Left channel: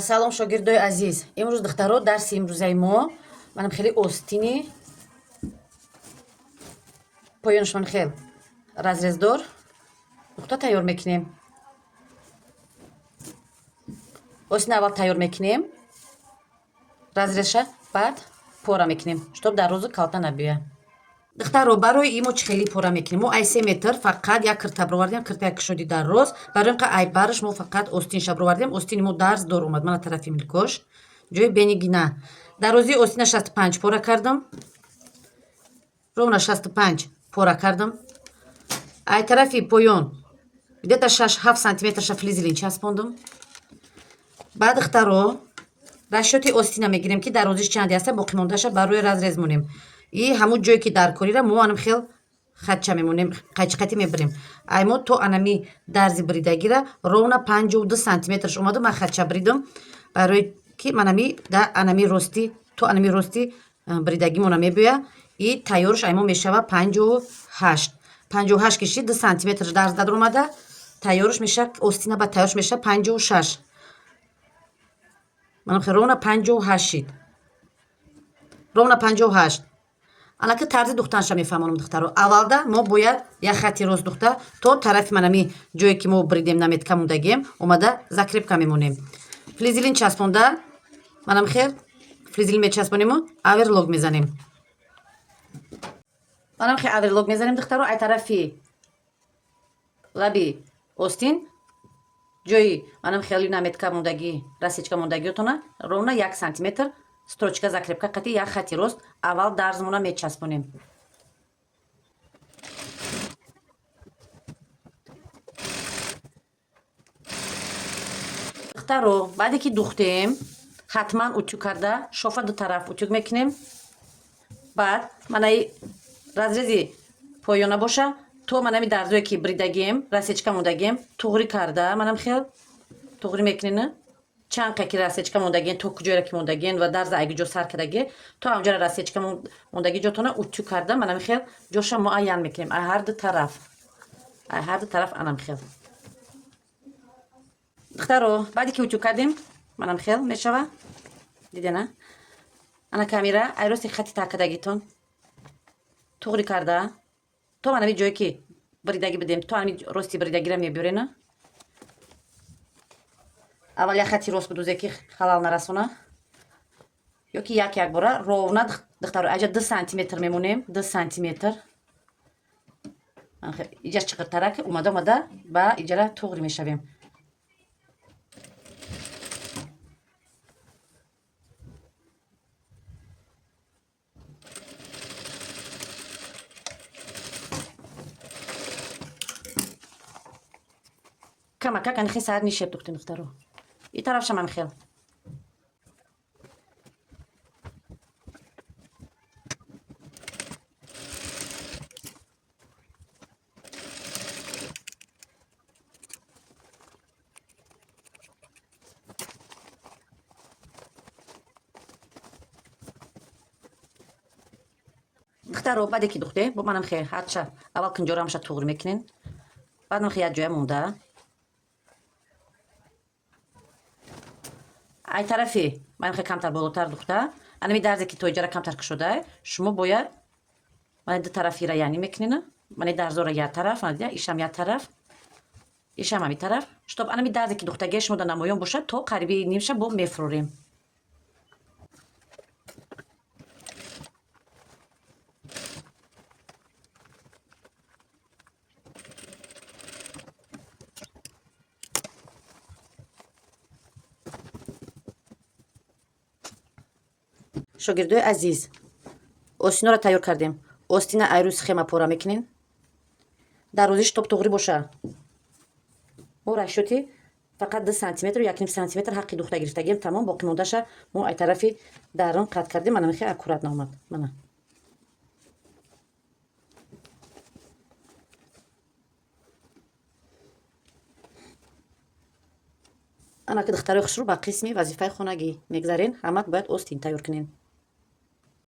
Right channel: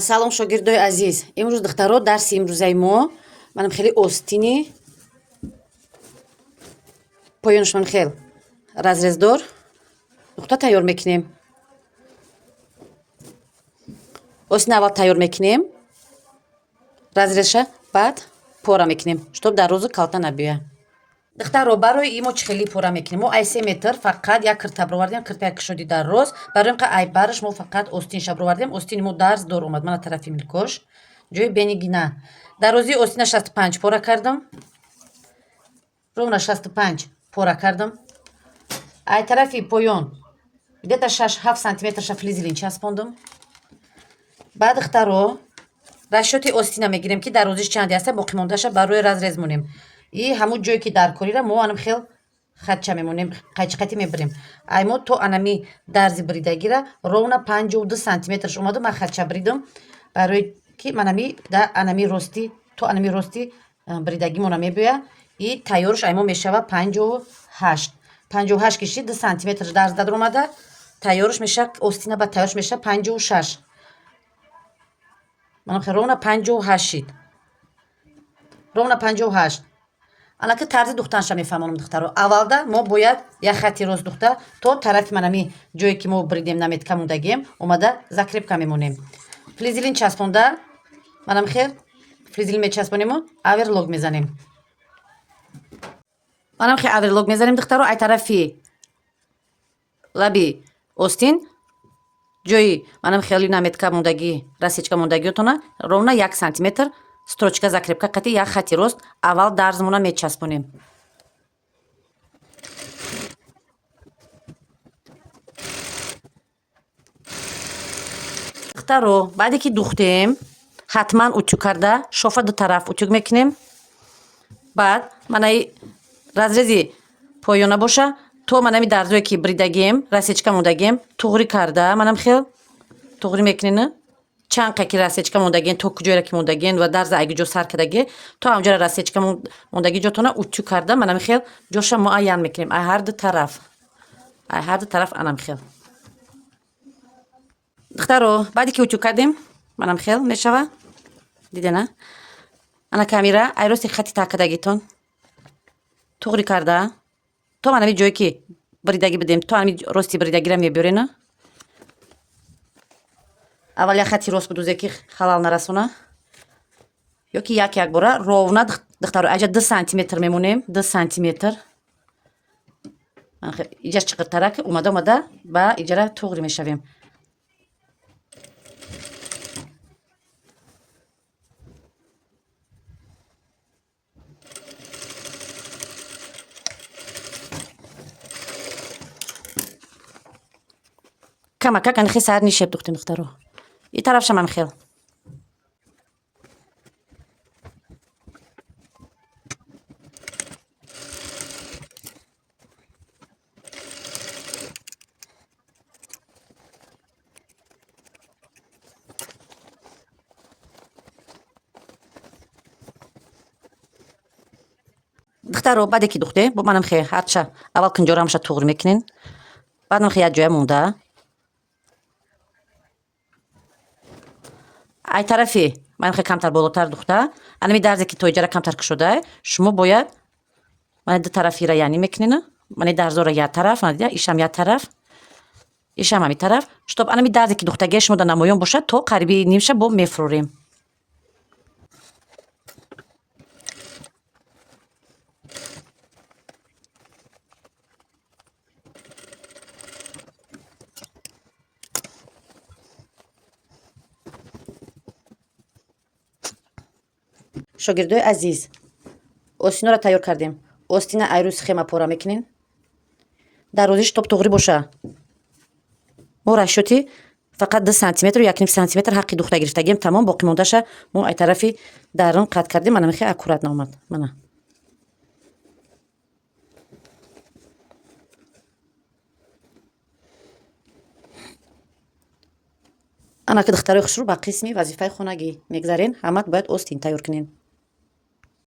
Салом шогирдои азиз. Имрӯз духтаро дарси имрӯзаи мо манам хеле остини поёнашон хел разрездор нуқта тайёр мекунем. Остини аввал тайёр мекунем. Разрезша баъд пора мекунем, чтоб дар рӯзу калта набиёяд. Духтаро барои ин мо чӣ хелӣ пора мекунем? Мо ай 3 метр фақат як кирта бировардем, киртая кушоди дар рост. Барои ин ай бараш мо фақат остинша бировардем. Остини мо дарз дор омад. Мана тарафи милкош ҷои бени гина. Дарозии остина 65 пора кардам. Ровна 65 пора кардам. Ай тарафи поён где-то 6-7 сантиметрша флизелин часпондам. Баъд духтаро расчёти остина мегирем ки дарозиш чанде аста, боқимондаша барои разрез монем. И ҳамун ҷое ки дар корира мо анам хел хатча мемонем, қайчиқати мебирем. Ай мо то анами дарзи бридагира ровна 52 сантиметрш омаду ман хатча бридам, барои ки манами да анами рости то анами рости бридагимона мебиёя. И тайёрш ай мо мешава 58 киши 2 сантиметрш дарз дар омада. Тайёрш меша остина ба тайёрш меша 56. Манам хел ровна 58 шид. Ровна 58. Анаки тарзи духтанша мефаҳмонам духтаро. Аввалда мо бояд як хати рост духта то тарафи манами ҷое ки мо бридем наметка мондагием омада закрепка мемонем. Флизелин часпонда манам хел флизелин мечаспонему аверлог мезанем. Манам хел аверлог мезанем духтаро. Ай тарафи лаби остин ҷои манам хели наметка мондагӣ расечка мондагиотона ровна 1 сантиметр строчка закрепка қати як хати рост аввал дарзмона мечаспонем. Духтаро баъде ки духтем ҳатман утюг карда шофа ду тараф утюг мекунем. Баъд манаи разрези поёна боша то манами дарзое ки бридагием расечка мондагием туғри карда манам хел туғри мекунем. Чанқа ки расечка мондаген то куҷояро ки мондаген ва дарза айги ҷо сар кардаге то ҳамҷоро расечка мондаги ҷотона утюг карда манам хел ҷоша муайян мекунем. Ай ҳар ду тараф анам хел. духтаро баъде ки утюг кардем манам хел мешава дидена ана камера ай рости хати такадагитон туғри карда то манами ҷое ки бридаги бидем то ами рости бридагира мебиёрена. Аввал як хати рост будузе ки халал нарасона ёки як бора ровна духтаро аҷа 2 сантиметр мемонем. 2 сантиметр иҷаш чиқиртарак омада ба иҷара туғри мешавем. камака канихи сар нишеб духтем духтаро. И тарафша ман хел. духтаро баъде ки духте бо манам хел ҳарча аввал кинҷорамша туғри мекунем. баъд ман хел як ҷоя монда ай тарафи ман хел камтар болотар духта анами дарзе ки то иҷара камтар кушода шумо бояд мани ду тарафира яъни мекунена мани дарзора як тараф ман дида ишам як тараф ишам ҳами тараф чтоб анами дарзе ки духтагия шумода намоён бошад то қариби нимша бо мефурорем. шогирдои азиз остиноро тайёр кардем. Остина айрӯи схема пора мекунем. дарозиш топ туғри боша. мо расчёти фақат 2 сантиметр 1 сантиметр ҳаққи духта гирифтагием тамом. боқӣ мондаша мо ай тарафи дарун қат кардем. манам хел аккурат наомад. мана анаки духтарои хушрӯ ба қисми вазифаи хонагӣ мегзарен. ҳамат бояд остин тайёр кунем.